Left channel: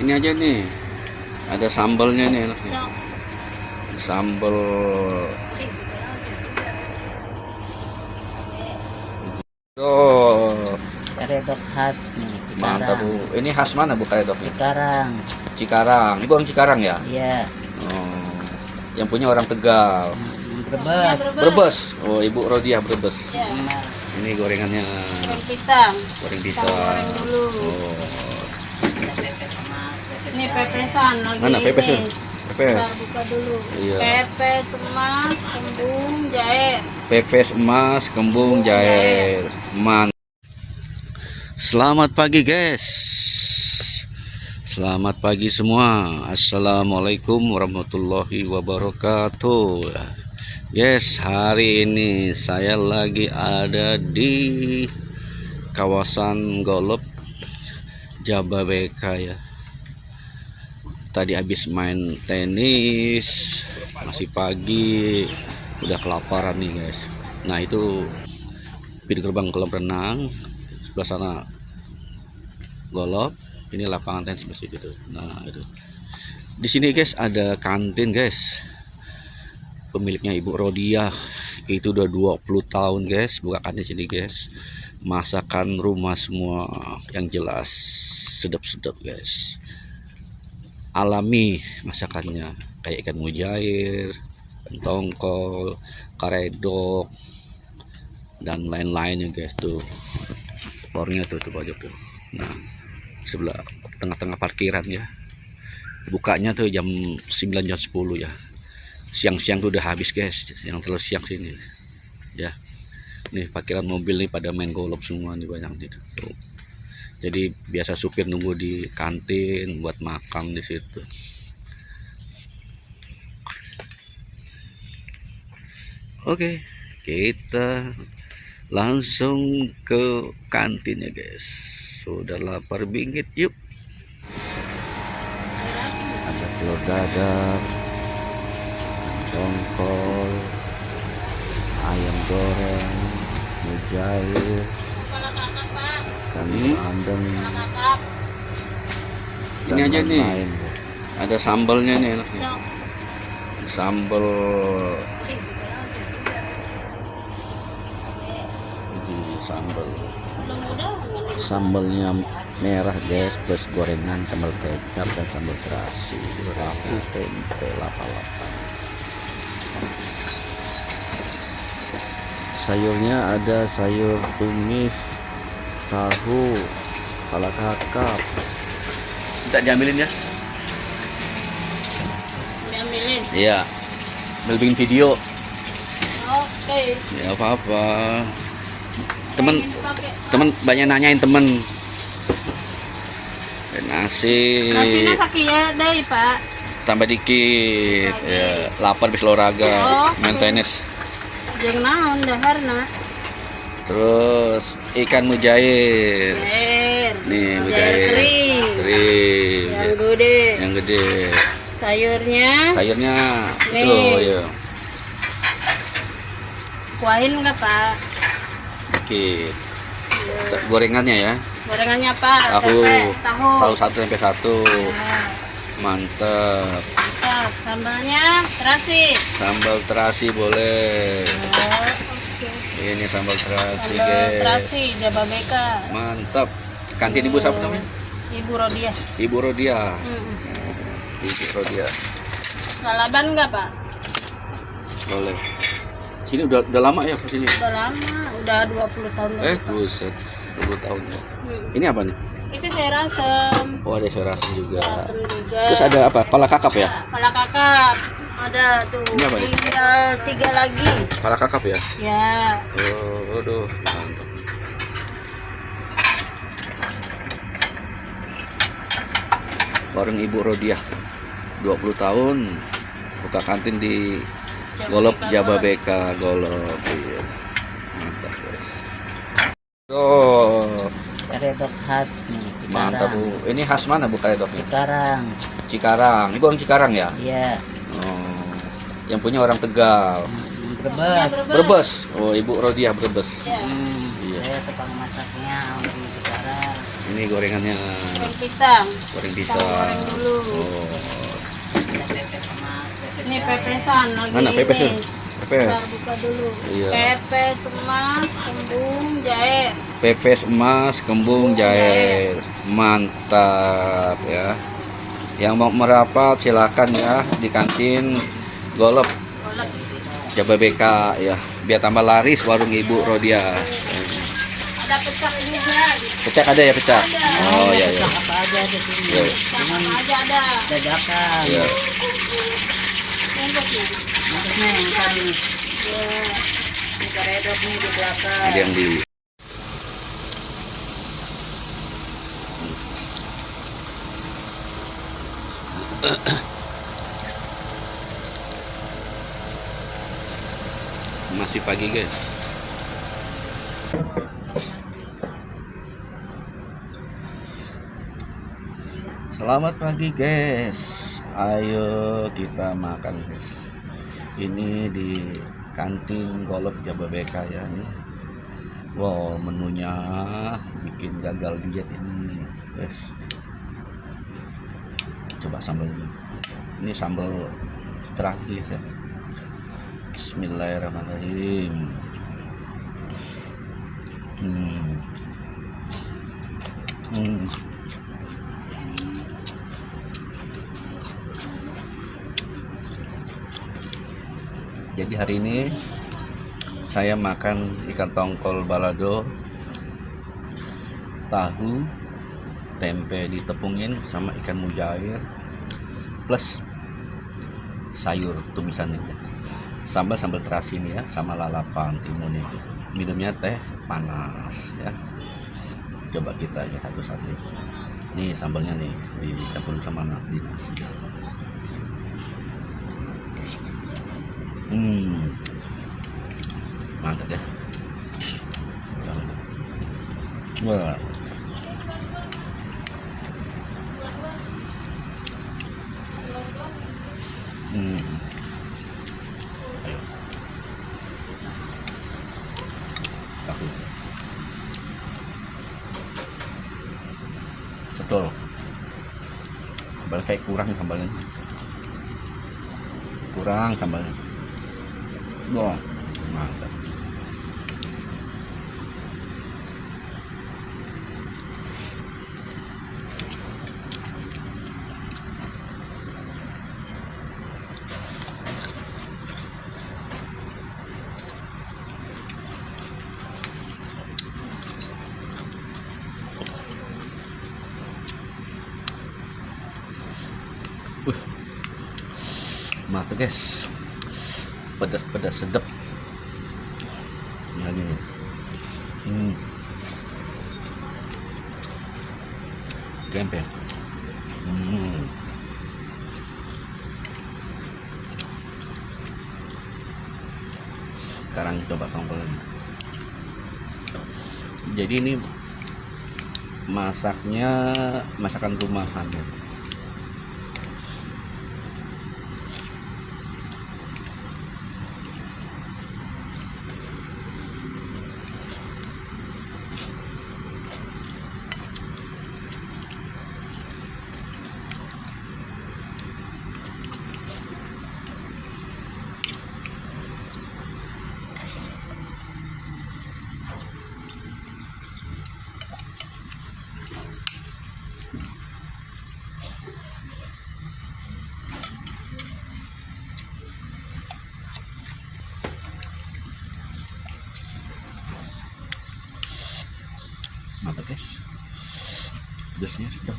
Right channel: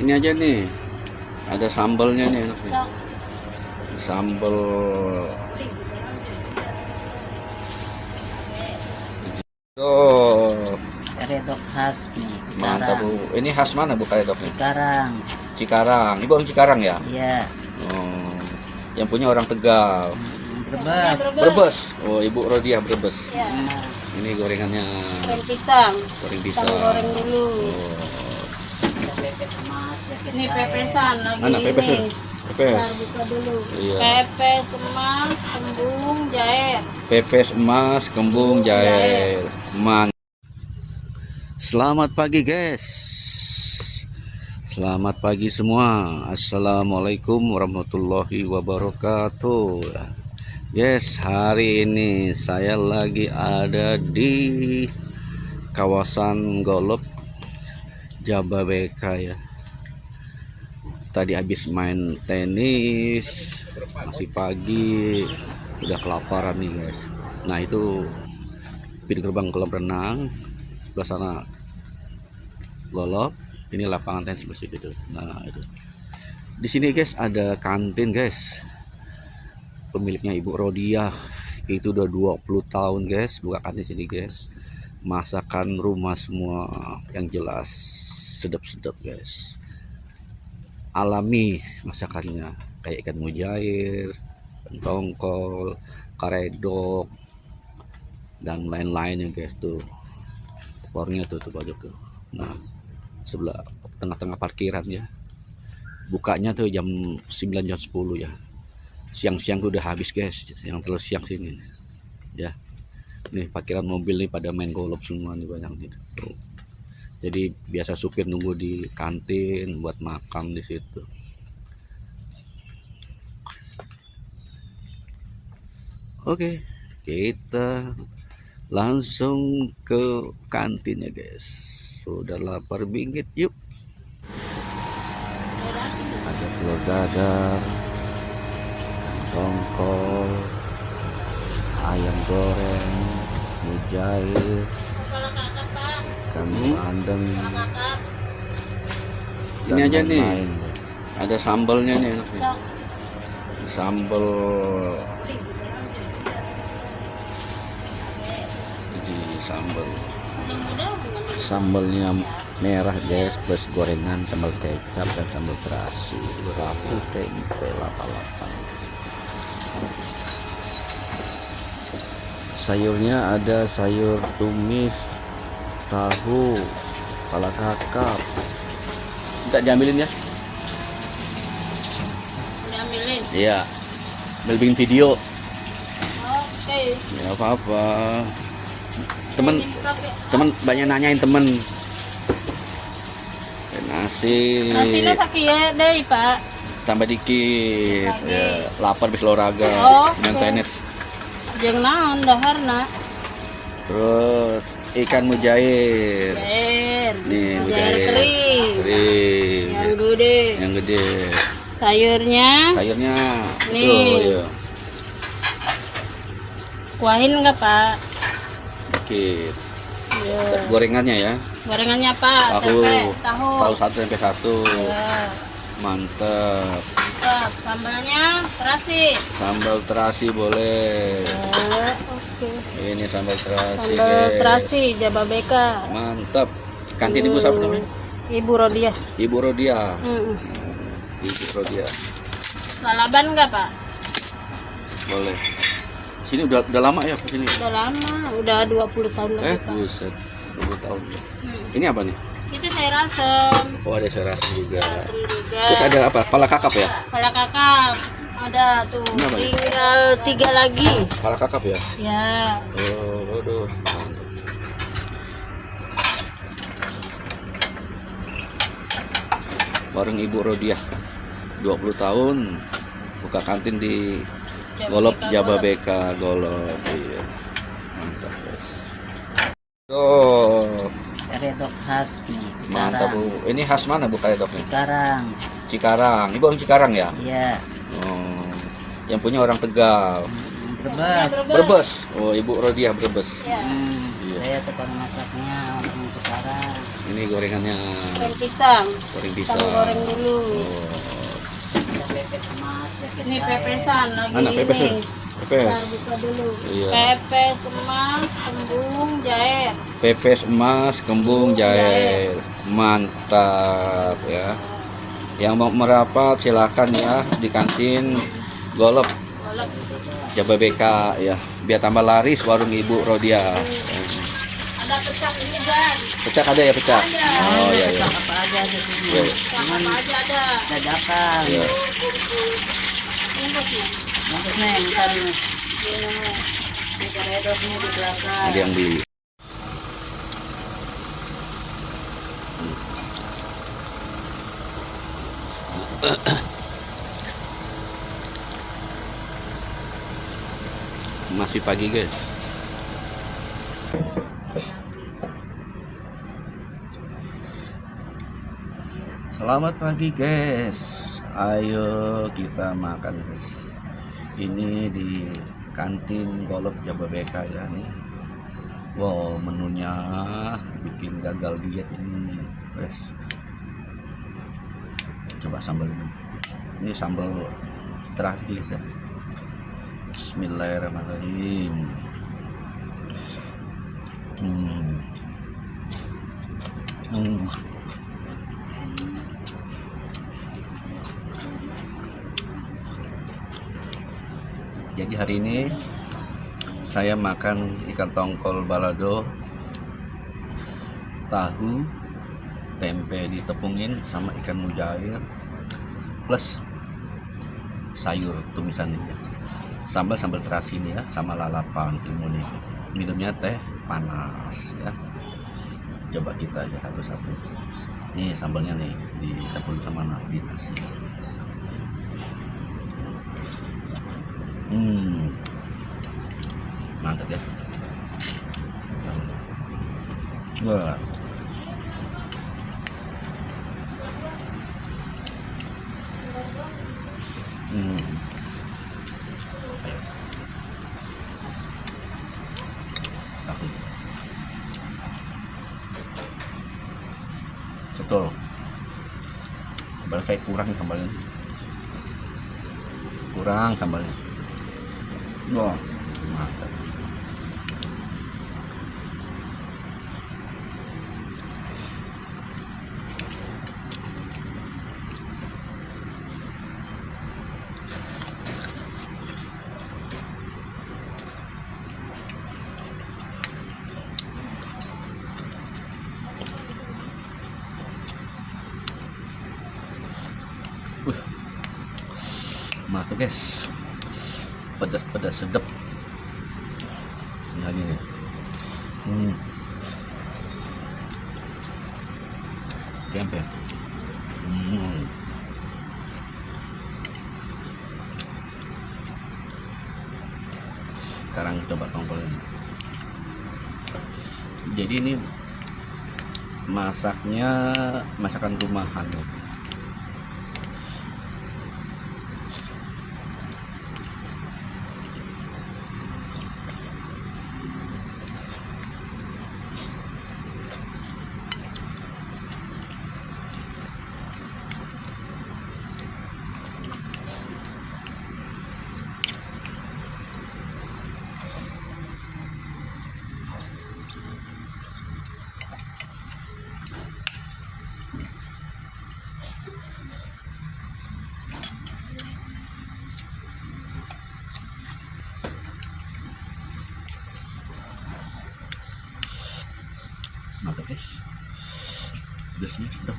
Ini aja nih, ada sambalnya nih enak nih. Sambal oh, Redok khas nih, mantap. Cikarang. Ini khas mana Bu Karedok? Cikarang. Cikarang. Ini orang Cikarang ya? Iya. Oh, yang punya orang Tegal. Brebes. Brebes. Oh, Ibu Rodia Brebes. Ya, Ini gorengannya goreng pisang. goreng Kita pisang. goreng dulu. Oh, Ini pepesan lagi mana pepes tuh? ini. Pepes. Ntar buka dulu. Iya. Pepes emas, kembung, jair. Pepes emas, kembung, jahe. Selamat pagi guys. Selamat pagi semua. Assalamualaikum warahmatullahi wabarakatuh. Yes, hari ini saya lagi ada di kawasan Golop Jababeka ya. Tadi habis main tenis, masih pagi, udah kelaparan nih guys. Nah itu pintu gerbang kolam renang, sebelah sana Golop, ini lapangan tenis masih gitu. Nah itu di sini guys ada kantin guys, pemiliknya Ibu Rodia. Itu udah 20 tahun guys buka kantin sini guys. Masakan rumah semua yang jelas sedap-sedap guys, alami masakannya, kayak ikan mujair, tongkol, karedok, dan lain-lain ya guys. Tuh warungnya tuh pojok tuh. Nah sebelah tengah-tengah parkiran ya, bukanya tuh jam 9 jam 10 ya. Siang-siang tuh udah habis guys, yang terlalu siang sini ya. Nih parkiran mobil nih pada main golop semua nih, banyak gitu tuh. Jadi biasa supir nunggu di kantin buat makan di situ. Oke, kita langsung ke kantin ya guys. Sudah lapar bingit, yuk. Ada telur dadar, ikan tongkol, ayam goreng, mujair, ikan bandeng, dan Kakak. ini aja nih, lain guys. ada sambalnya nih enak nih. Sambal sambal Sambalnya merah guys, plus gorengan, sambal kecap, dan sambal terasi, tahu, tempe, lapa-lapa. Sayurnya ada sayur tumis, tahu, kepala kakap. minta diambilin ya. Diambilin. Iya, bikin video Oke. nggak apa-apa. Pengen pakai Temen banyak nanyain temen nasi nasinya sakit ya deh Pak. tambah dikit Lagi. ya, lapar bis olahraga Oke. main tenis. Yang naon daharna. Terus ikan mujair Jair. nih, Jair mujair kering. kering Yang ya, gede. yang gede. Sayurnya Sayurnya Nih. tuh ya. kuahin nggak Pak? Dikit. Iya. Gorengannya ya, Gorengannya Pak. tahu Tempe, tahu. tahu satu tempe satu. Ya. Mantap. Sambalnya terasi. Sambal terasi boleh. Oke. Ini sambal terasi Sambal guys. terasi Jababeka. Mantap. Kantin ibu siapa namanya? Ibu Rodia. Ibu Rodia. Hmm. Ibu Rodia. Lalaban nggak Pak? Boleh. Sini udah lama ya ke sini. Udah lama, udah 20 tahun lebih Pak. Buset. 20 tahun ya. Hmm. Ini apa nih? Itu sayur asem. Oh, ada serasi juga. Asem juga. Terus ada apa? Pala kakap ya? Kepala kakap. Ada tuh. Ini apa ya? Tinggal 3 lagi. Pala kakap ya? Ya. Oh, aduh. Mantap. Bareng Ibu Rodia. 20 tahun buka kantin di Golop Jababeka Golop. Iya. Mantap. Oh, Redok khas nih, mantap Cikarang. Bu. Ini khas mana Bu Karedok? Cikarang. Cikarang. Ini orang Cikarang ya? Iya. Oh, yang punya orang Tegal. Brebes. Brebes. Oh, Ibu Rodia Brebes. Ya. Iya. Saya tukang masaknya orang Cikarang. Ini gorengannya Goreng pisang. goreng Pisang pisang. goreng dulu. Oh. Ini pepesan lagi Mana pepes ini. tuh? Pepes. Ntar buka dulu. Iya. Pepes emas, kembung, jahe. Pepes emas, kembung, jahe. Mantap ya. Yang mau merapat silakan ya di kantin Golop Golok. Jababeka ya. Biar tambah laris warung Ibu Rodia. Ada pecak juga. Pecak ada ya pecak? Oh iya. Iya. Apa aja di sini? Iya. Pecak apa aja ada. Dadakan. Iya. Bungkusnya. Maksudnya yang kan Iya. ini karedok nih di belakang. Ini yang di masih pagi guys. Selamat pagi guys. Ayo kita makan guys. Ini di kantin Golop Jababeka ya nih. Wow, menunya bikin gagal diet ini guys. Coba sambalnya. Ini sambal terasi guys ya. Bismillahirrahmanirrahim. Jadi hari ini saya makan ikan tongkol balado, tahu, tempe ditepungin sama ikan mujair plus sayur tumisan ini. Sambal terasi ini ya, sama lalapan timun ini. Minumnya teh panas ya. Coba kita lihat satu-satu. Nih sambalnya nih dicampur sama nasi ya. Mantap ya. Wah. Tahu. Betul. Sambal kayak kurang sambalnya. Kurang sambalnya. Wah, mantap. Mantap guys. Pedas-pedas sedap. Nah ini. Tempe. Sekarang coba tongkol ini. Jadi ini masaknya masakan rumahan. Mantap guys, pedasnya sedap.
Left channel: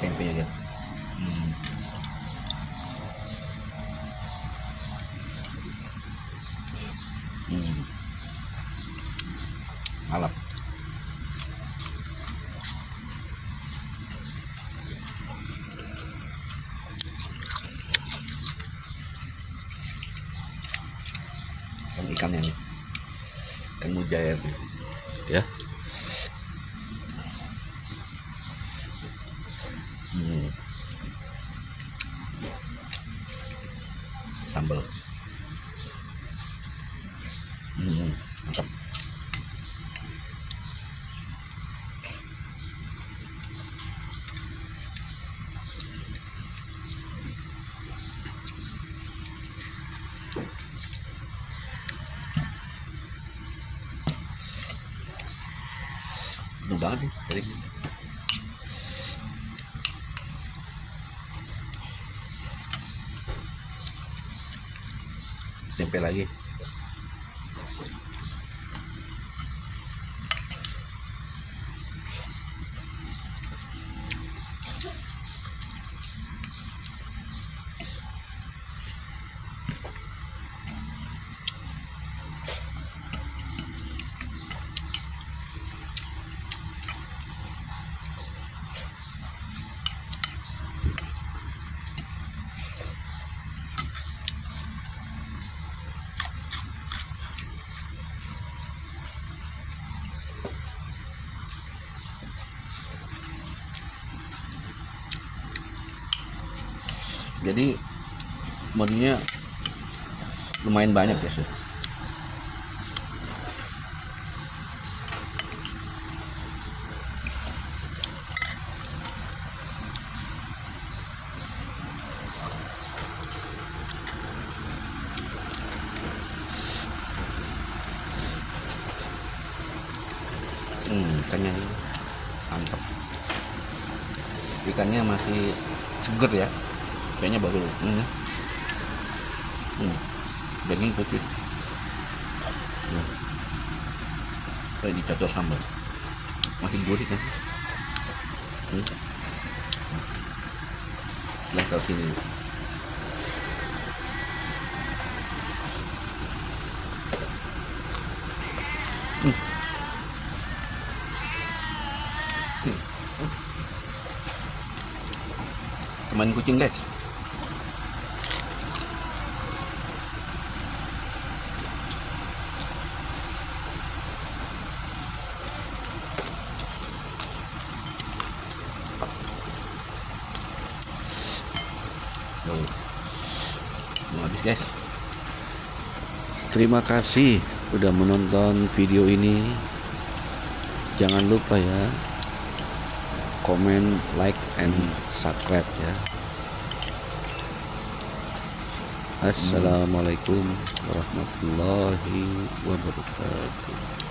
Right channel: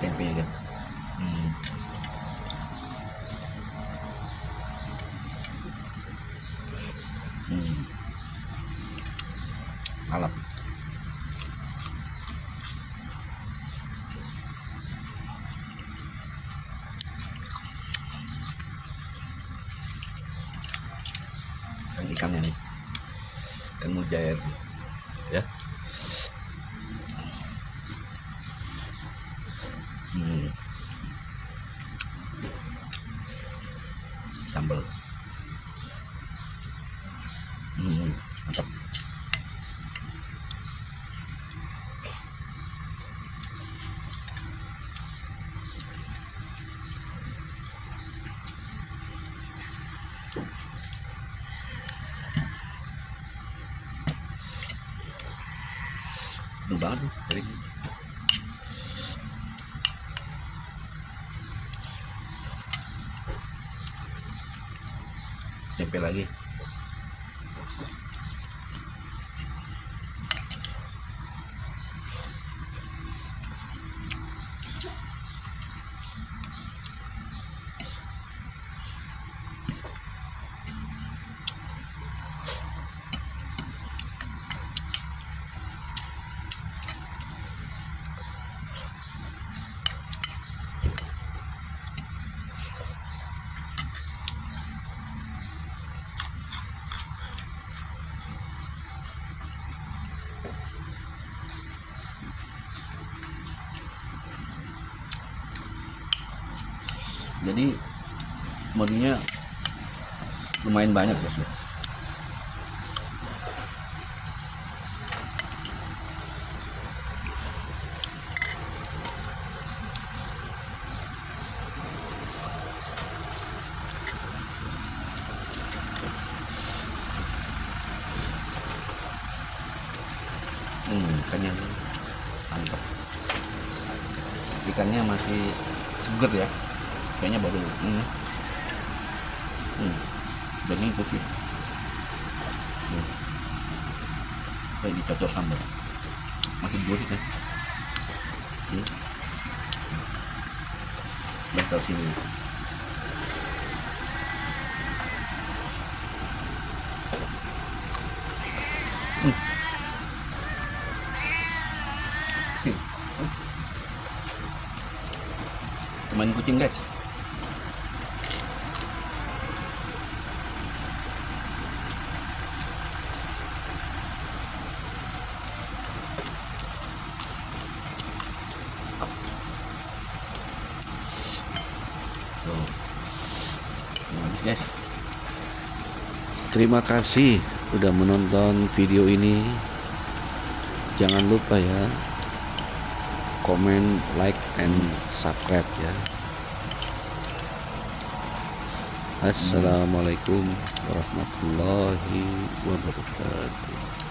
Tempe kan. Malap. Ikannya nih, ikan mujair nih, ya. Hmm. Sambal. Mantap. Penuh banget tuh ini. Tempe lagi. Jadi modinya lumayan banyak ya sih. Ikannya mantap. Ikannya masih seger ya, kayaknya baru daging putih. Kayak dicocol sambal, masih gurih kan. Level sini. Main kucing guys. Tuh. Mau habis guys. Terima kasih udah menonton video ini. Jangan lupa ya, komen, like, and subscribe ya. Assalamualaikum warahmatullahi wabarakatuh.